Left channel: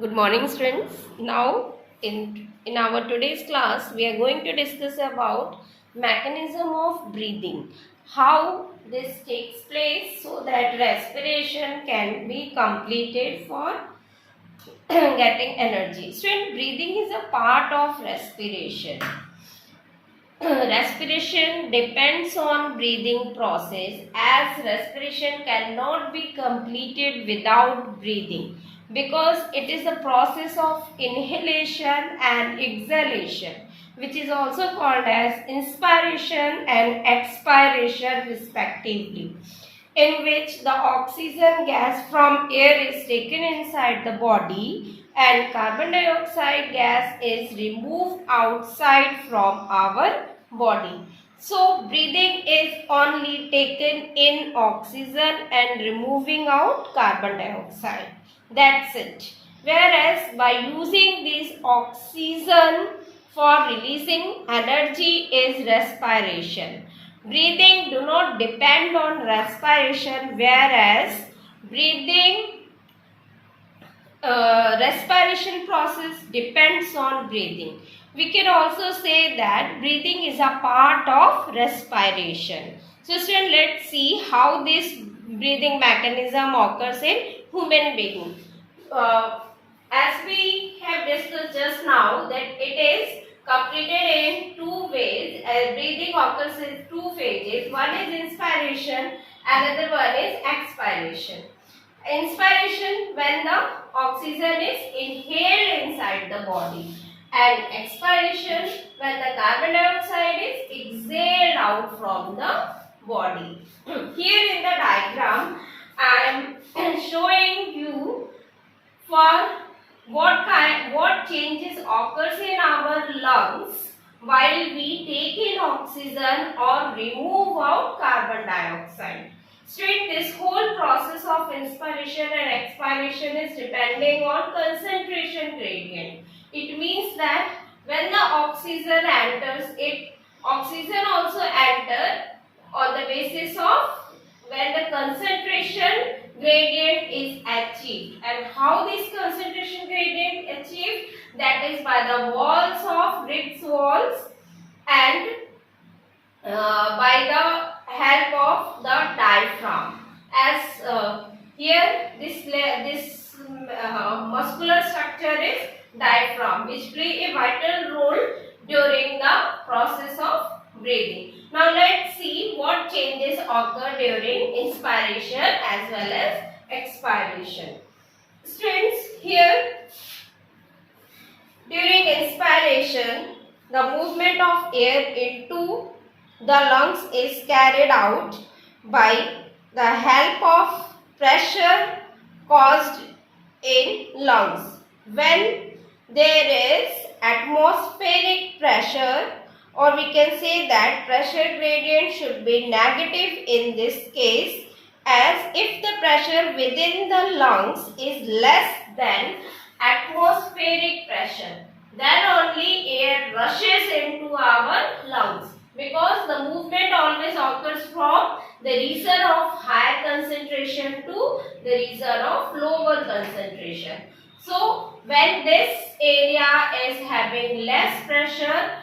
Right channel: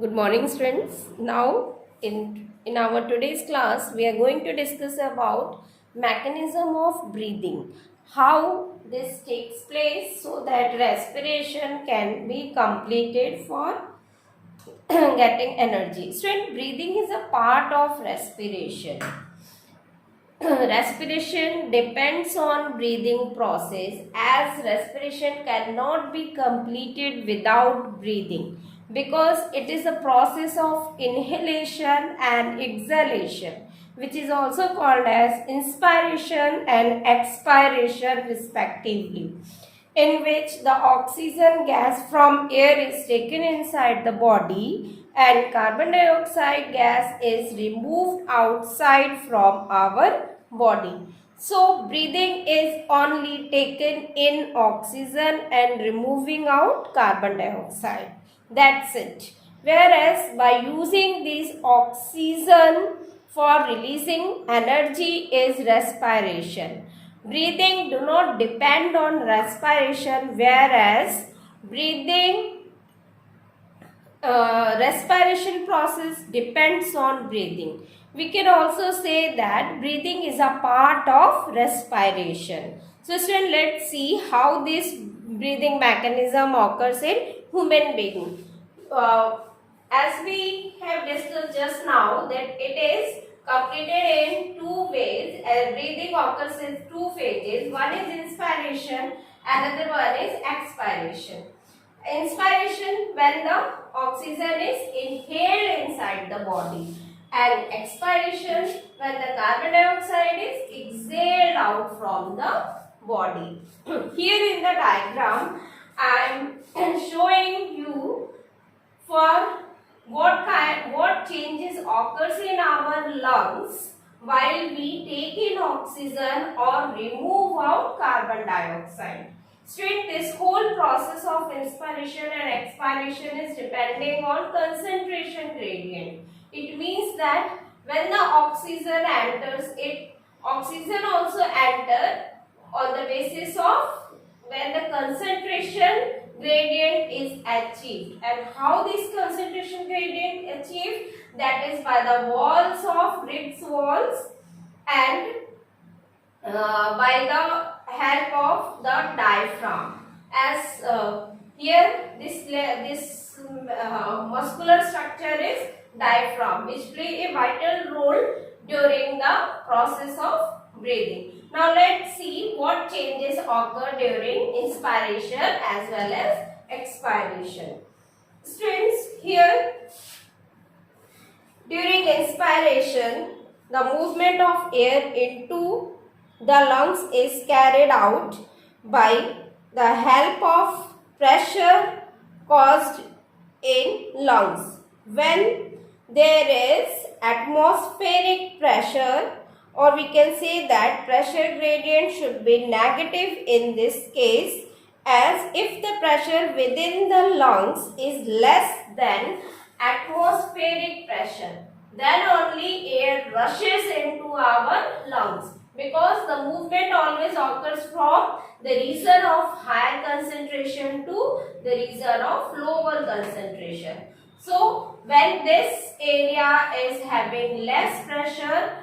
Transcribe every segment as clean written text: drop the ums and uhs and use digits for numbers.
Good morning, students. Now, in our today's class, we are going to discuss about mechanism of breathing, how this takes place so that respiration can be completed for getting energy. Student, breathing is a part of respiration. Respiration depends on breathing process as respiration cannot be completed without breathing because it is a process of inhalation and exhalation, which is also called as inspiration and expiration respectively, in which the oxygen gas from air is taken inside the body and carbon dioxide gas is removed outside from our body. So, breathing is only taken in oxygen and removing out carbon dioxide. That's it. Whereas, by using this oxygen for releasing energy is respiration. Breathing do not depend on respiration, whereas respiration process depends on breathing. We can also say that breathing is a part of respiration. So, students, let's see how this breathing mechanism occurs in human being. Uh, as we have discussed just now that it is completed in two ways. Breathing occurs in two phases. One is inspiration, another one is expiration. Inspiration when the oxygen is inhaled inside the body, and expiration when the carbon dioxide is exhaled out from the body. Here in the diagram I am showing you for what changes occurs in our lungs while we take in oxygen or remove out carbon dioxide. Student, this whole process of inspiration and expiration is depending on concentration gradient. It means that when the oxygen enters, oxygen also enter on the basis of when the concentration gradient is achieved. And how this concentration gradient achieved? That is by the walls of ribs walls and by the help of the diaphragm. As here this muscular structure is diaphragm, which play a vital role during the process of breathing. Now let's see what changes occur during inspiration as well as expiration. Students, here during inspiration, the movement of air into the lungs is carried out by the help of pressure caused in lungs. When there is atmospheric pressure, or we can say that pressure gradient should be negative in this case, as if the pressure within the lungs is less than atmospheric pressure, then only air rushes into our lungs, because the movement always occurs from the region of higher concentration to the region of lower concentration. So, when this area is having less pressure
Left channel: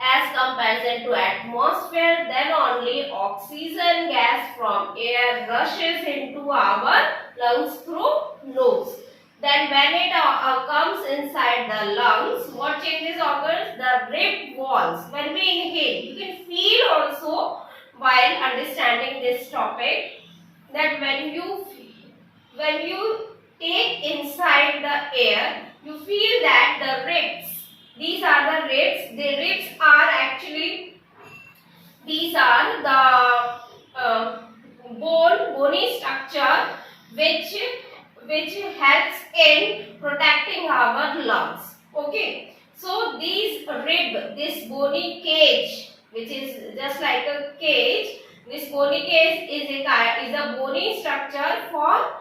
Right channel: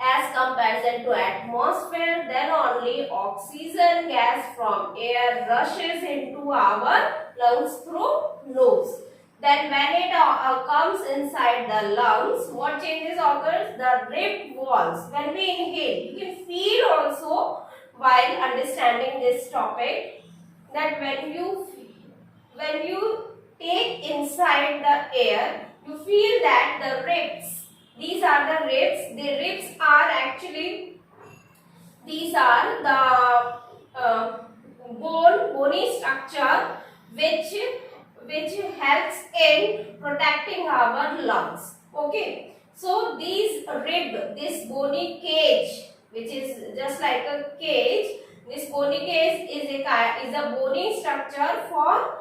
as comparison to atmosphere, then only oxygen gas from air rushes into our lungs through nose. Then when it comes inside the lungs, what changes occurs? The rib walls. When we inhale, you can feel also while understanding this topic that when you take inside the air, you feel that the ribs, these are the ribs. The ribs are actually, these are the bony structure which helps in protecting our lungs. Okay. So these rib, this bony cage, which is just like a cage, this bony cage is a bony structure for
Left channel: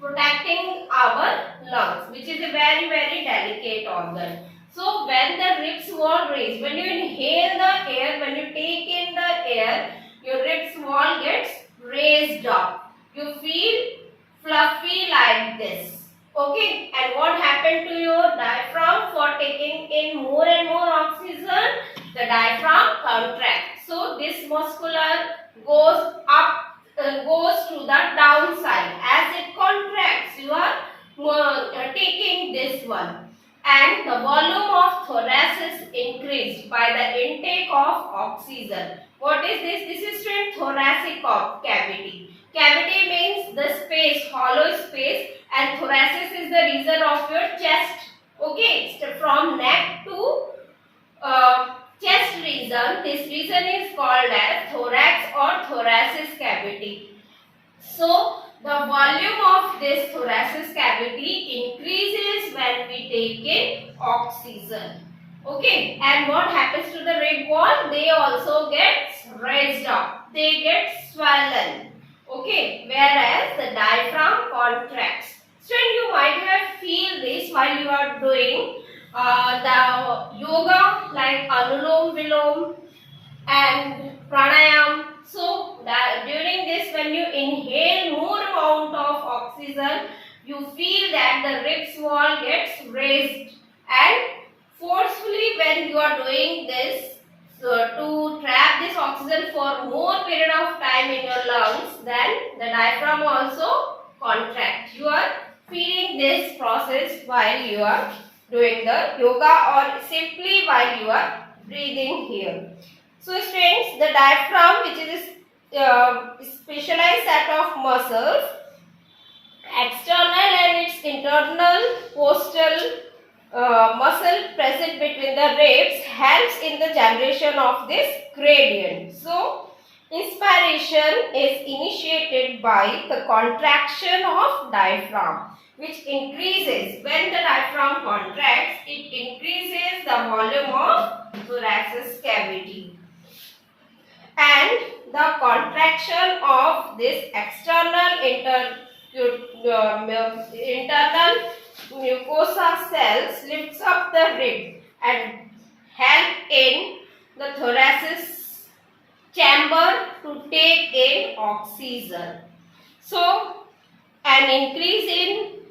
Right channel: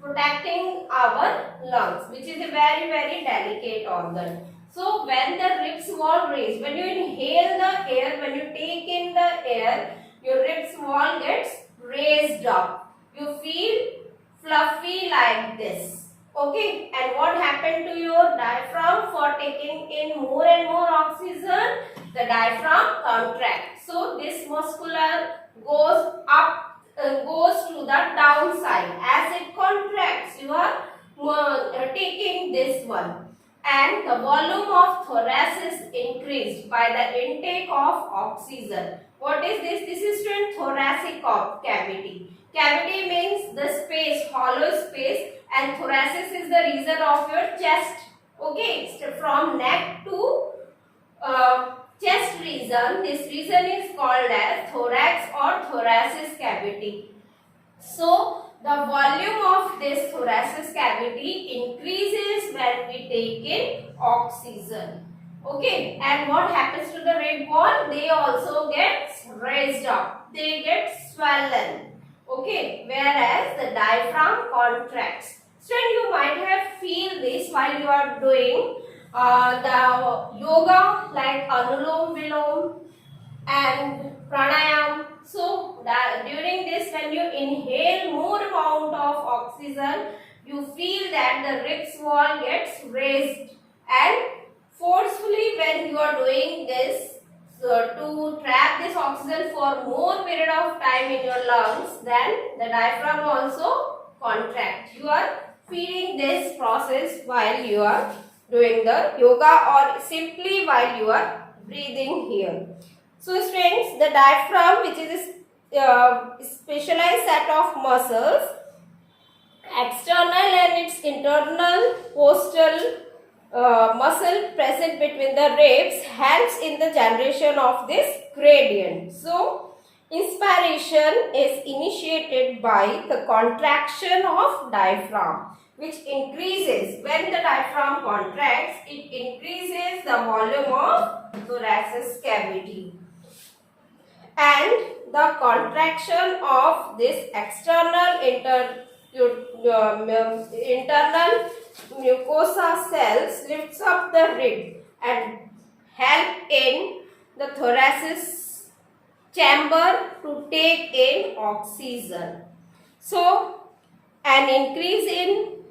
protecting our lungs, which is a very delicate organ. So when the ribs wall raise, when you inhale the air, when you take in the air, your ribs wall gets raised up. You feel fluffy like this. Okay, and what happened to your diaphragm for taking in more and more oxygen? The diaphragm contracts. So this muscular goes up, goes to the downside. As it contracts, you are taking this one. And the volume of thorax is increased by the intake of oxygen. What is this? This is in thoracic cavity. Cavity means the space, hollow space, and thoracic is the region of your chest. Okay, so from neck to chest region, this region is called as thorax or thoracic cavity. So the volume of this thoracic cavity increases when we take in oxygen. Okay, and what happens to the rib wall? They also get raised up. They get swollen. Okay, whereas the diaphragm contracts. So you might have feel this while you are doing the yoga like Anulom Vilom and pranayam. So that during this, when you inhale more amount of oxygen, you feel that the ribs wall gets raised, and forcefully when you are doing this, so to trap this oxygen for more period of time in your lungs, then the diaphragm also contract. You are feeling this process while you are doing the yoga or simply while you are breathing here. So students, the diaphragm, which is a specialized set of muscles, external and its internal postal muscle present between the ribs, helps in the generation of this gradient. So inspiration is initiated by the contraction of diaphragm, which increases when the diaphragm contracts. It increases the volume of thoracic cavity, and the contraction of this external internal mucosa cells lifts up the rib and help in the thoracic chamber to take in oxygen. So an increase in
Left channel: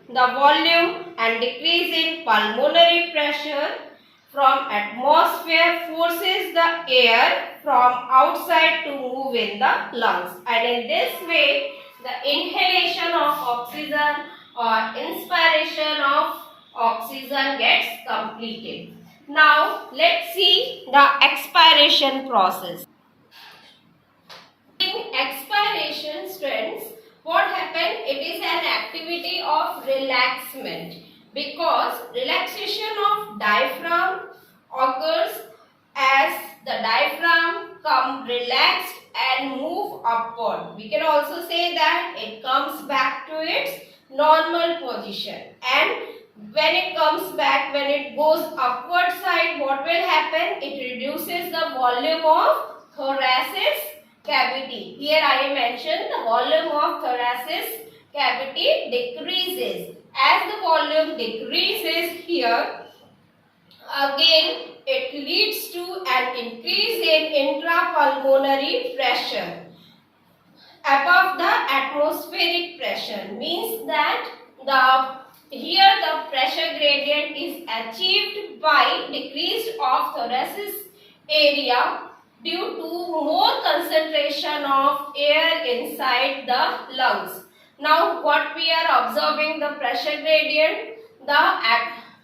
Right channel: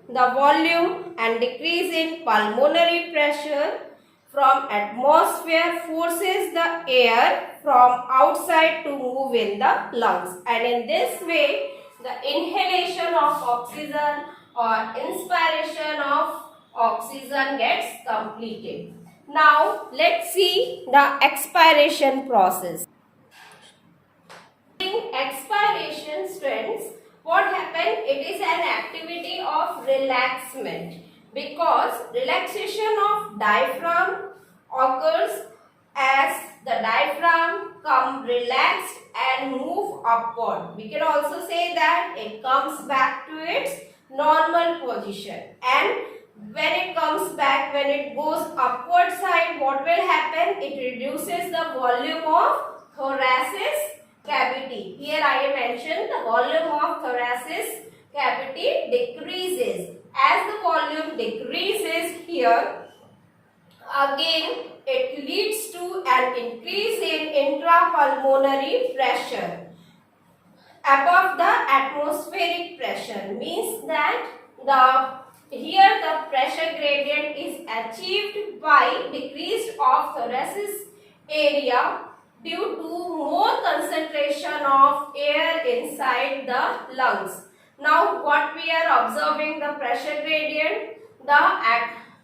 the volume and decrease in pulmonary pressure from atmosphere forces the air from outside to move in the lungs, and in this way the inhalation of oxygen or inspiration of oxygen gets completed. Now let's see the expiration process. In expiration, students, what happens? It is an activity of relaxation, because relaxation of diaphragm occurs as the diaphragm come relaxed and move upward. We can also say that it comes back to its normal position, and when it comes back, when it goes upward side, what will happen? It reduces the volume of thoracic cavity. Here I have mentioned the volume of thoracic cavity decreases. As the volume decreases here, again it leads to an increase in intrapulmonary pressure above the atmospheric pressure. Means that here the pressure gradient is achieved by decrease of thoracic area due to more concentration of air inside the lungs. Now what we are observing, the pressure gradient, the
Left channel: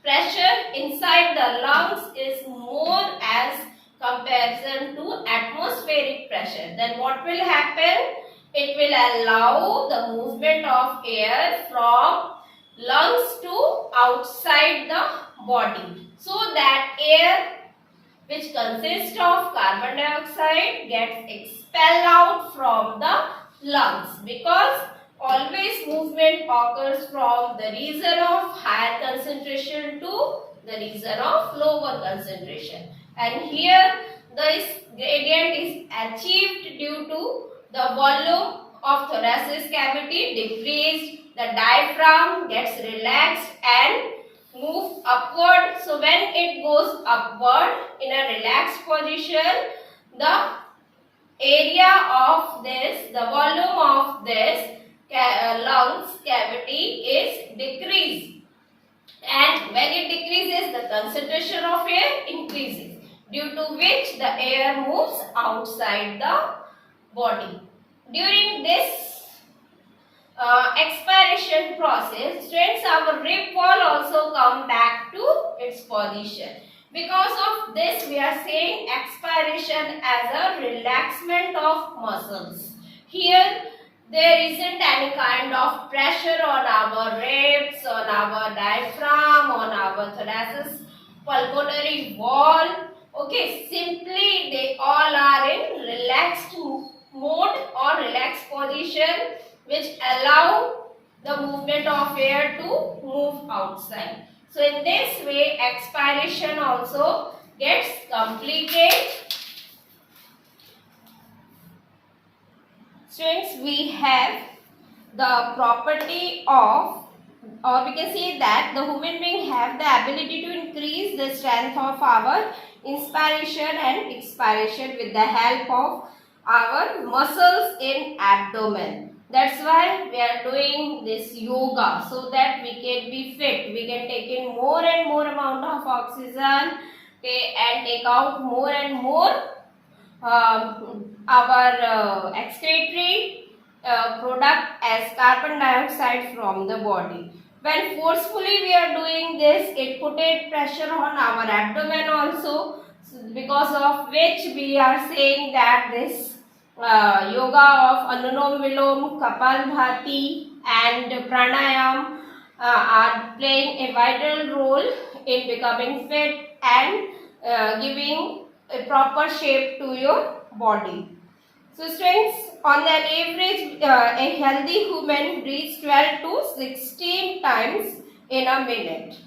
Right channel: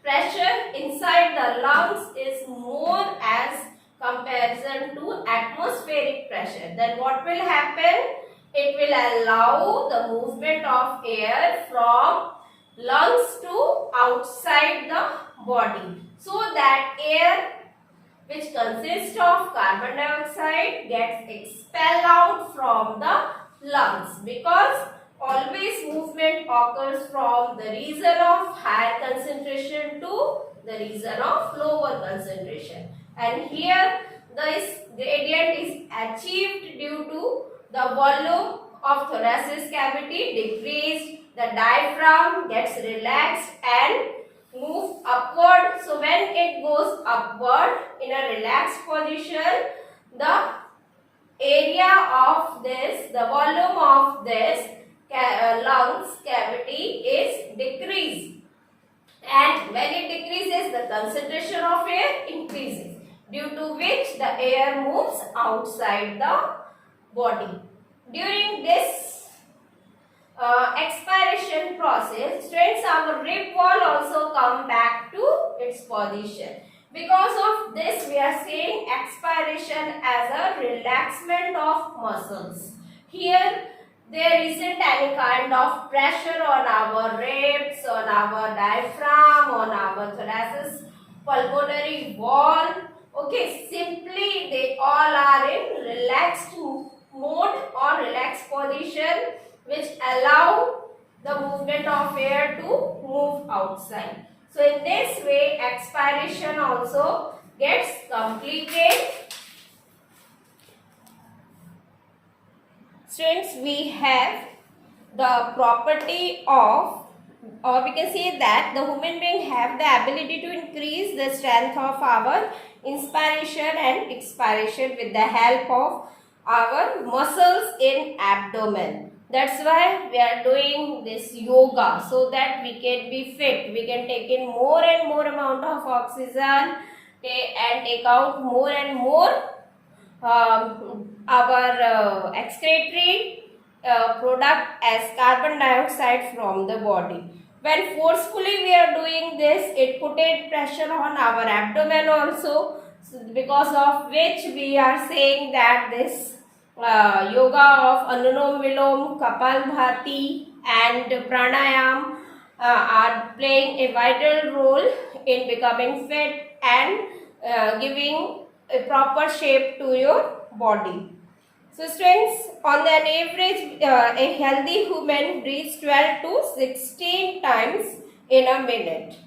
pressure inside the lungs is more as comparison to atmospheric pressure. Then what will happen? It will allow the movement of air from lungs to outside the body, so that air which consists of carbon dioxide gets expelled out from the lungs, because always movement occurs from the region of higher concentration to the region of lower concentration, and here this gradient is achieved due to the volume of thoracic cavity decreased, the diaphragm gets relaxed and move upward. So when it goes upward in a relaxed position, the area of this, the volume of this lungs cavity is decreased. and when it decreases, the concentration of air increases, due to which the air moves outside the body. During this expiration process, students, our rib wall also come back to its position. Because of this, we are saying expiration as a relaxation of muscles. Here there isn't any kind of pressure on our ribs, on our diaphragm, on our thoracic pulmonary wall. Okay, simply they all are in relaxed mode or relaxed position, which allow the movement of air to move outside. So in this way, expiration also gets completed. Students, we have the property of, or we can say that the human being have the ability to increase the strength of our inspiration and expiration with the help of our muscles in abdomen. That's why we are doing this yoga, so that we can be fit. We can take in more and more amount of oxygen and take out more and more our excretory product as carbon dioxide from the body. When forcefully we are doing this, it put a pressure on our abdomen also, because of which we are saying that this yoga of Anulom Vilom, Kapalbhati and Pranayam are playing a vital role in becoming fit and giving a proper shape to your body. So students, on an average, a healthy human breathes 12 to 16 times in a minute,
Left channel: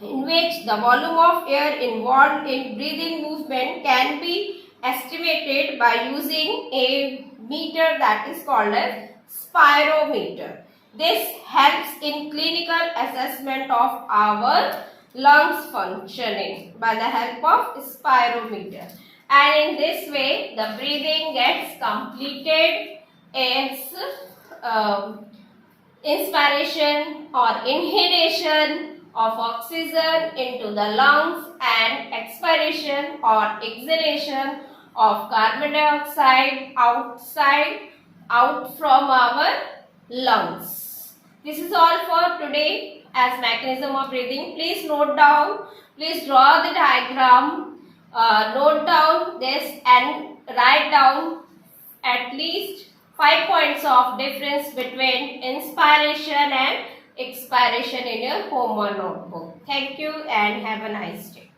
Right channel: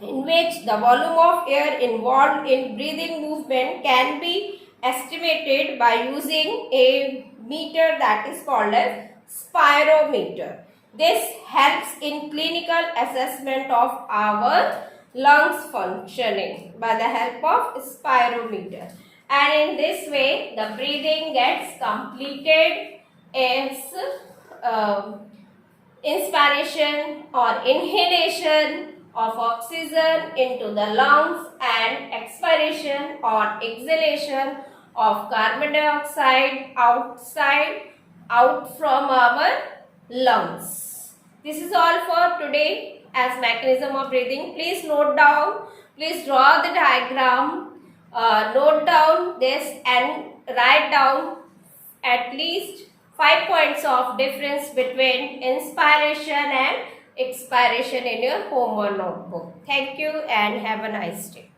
in which the volume of air involved in breathing movement can be estimated by using a meter that is called as spirometer. This helps in clinical assessment of our lungs functioning by the help of spirometer. And in this way, the breathing gets completed as inspiration or inhalation of oxygen into the lungs and expiration or exhalation of carbon dioxide out from our lungs. This is all for today as mechanism of breathing. Please note down, please draw the diagram, note down this and write down at least 5 points of difference between inspiration and expiration in your homework notebook. Thank you and have a nice day.